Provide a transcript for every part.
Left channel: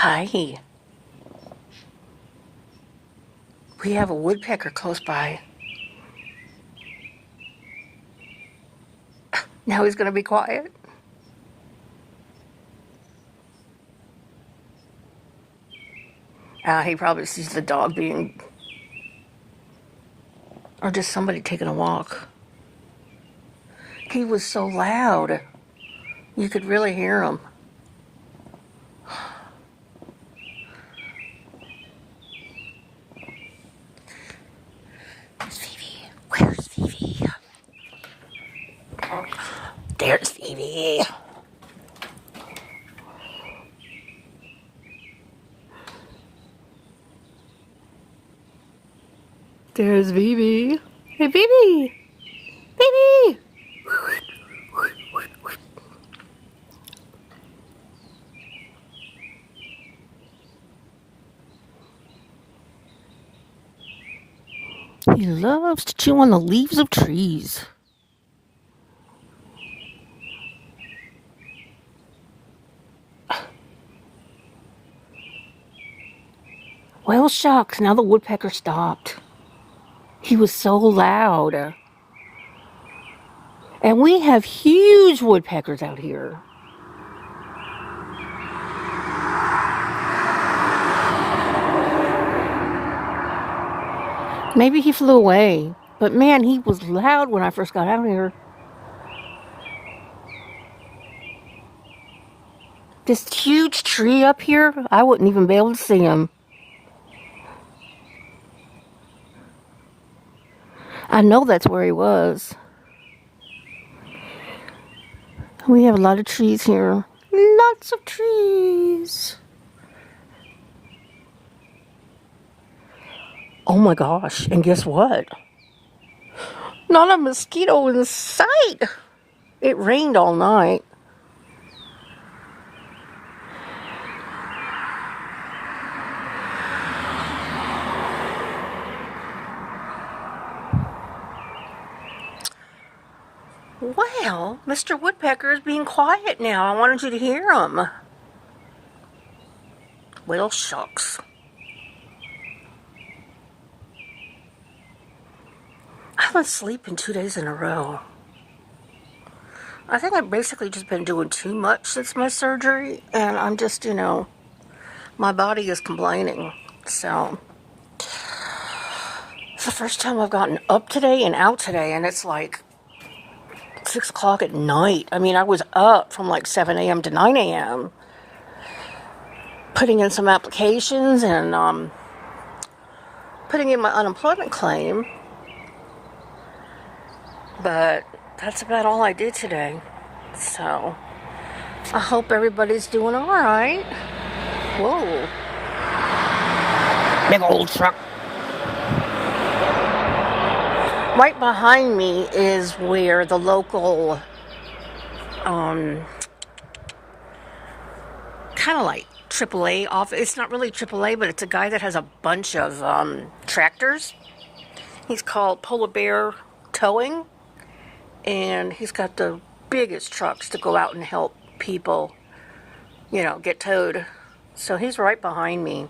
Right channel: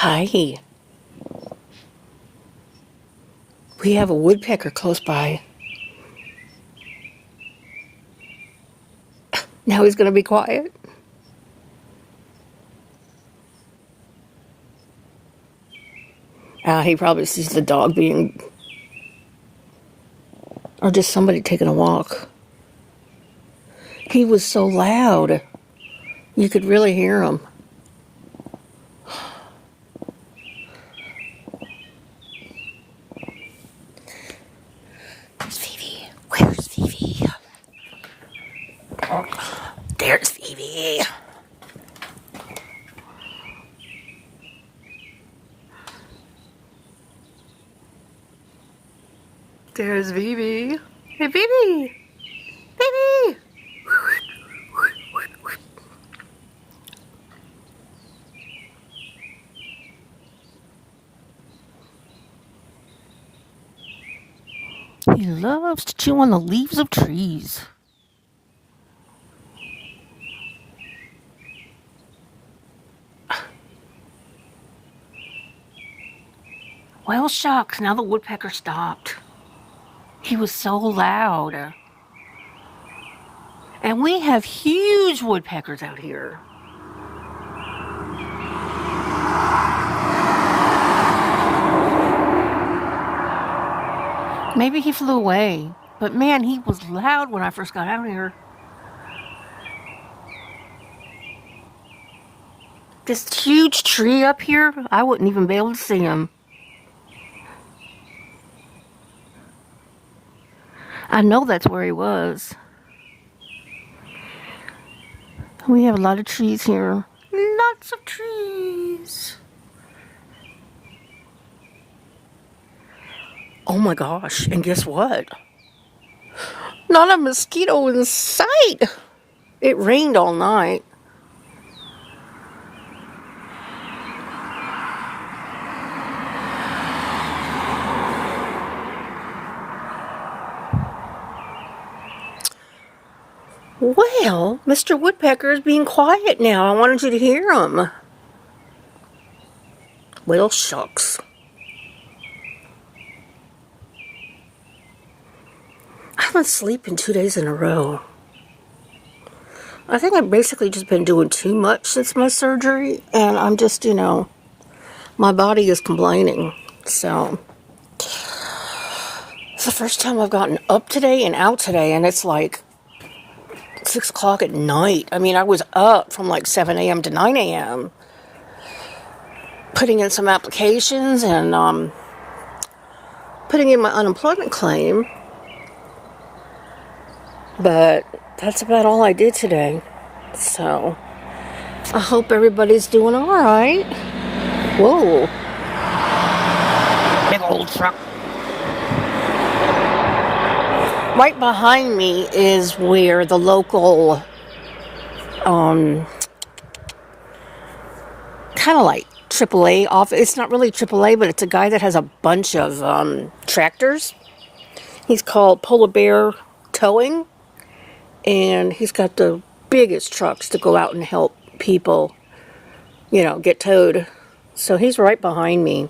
Hi. We have a woodpecker close by. Now he's going to be quiet. He probably sees the dog being... or just somebody taking a walk. He was so loud. You could really hear him. Where's Phoebe? Where's Phoebe? Oh, there's Phoebe. There's Phoebe. Hey, Phoebe! Phoebe! He loves to chew on the leaves of trees. Well, shucks, now the woodpecker stopped. He was so loud. And we have huge woodpeckers out here. Maybe he flew away. But man, he was loud when I first got out here. This huge tree up here, I wouldn't even be able to see him. I know that's where he was. We have a lot of trees here. Lots of trees. Oh my gosh, and guess what? Not a mosquito in sight. It rained all night. Well, Mr. Woodpecker is being quiet now. I wanted you to hear him. Well, shucks. I've been sleeping 2 days in a row. I think I've basically just been doing too much since my surgery, and I'm just, my body is complaining. So, it's the first time I've gotten up today and out today, and it's like 6 o'clock at night. I mean, I was up from like 7 a.m. to 9 a.m. putting in some applications and putting in my unemployment claim. But that's about all I did today. So, I hope everybody's doing alright. Whoa. Big old truck. Right behind me is where the local, kind of like AAA office. It's not really AAA, but it's a guy that has a bunch of tractors. He's called Polar Bear Towing. And he's got the biggest trucks to go out and help people, get towed. So he's right behind me.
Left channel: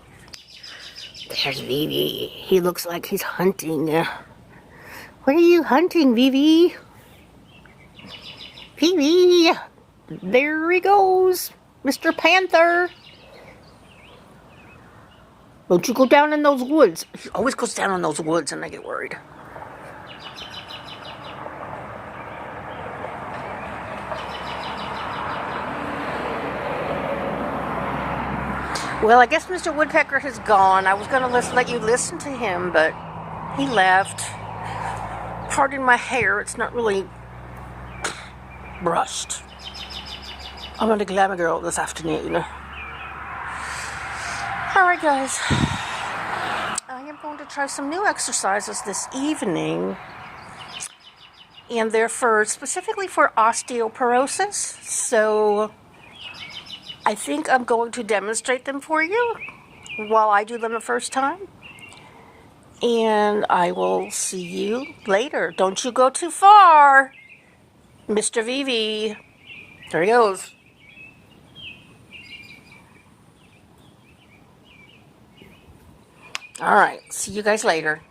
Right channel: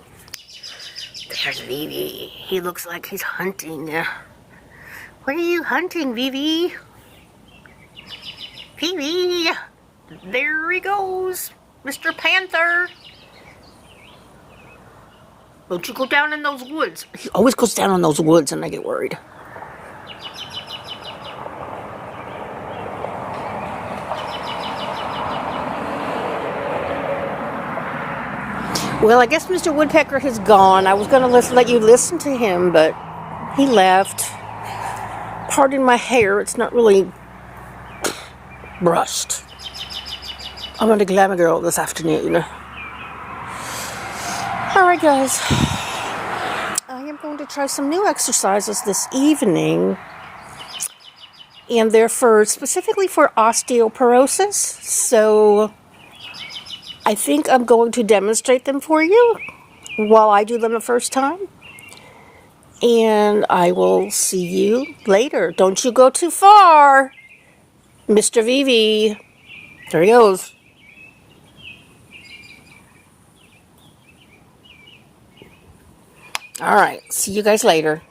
There's Vivi. He looks like he's hunting. What are you hunting, Vivi? Vivi! There he goes, Mr. Panther. Don't you go down in those woods. He always goes down in those woods and I get worried. Well, I guess Mr. Woodpecker has gone. I was going to let you listen to him, but he left. Pardon my hair. It's not really brushed. I'm going to Glamour Girl this afternoon. Alright, guys. I am going to try some new exercises this evening. And they're specifically for osteoporosis. So I think I'm going to demonstrate them for you while I do them the first time. And I will see you later. Don't you go too far, Mr. Vivi. There he goes. All right. See you guys later.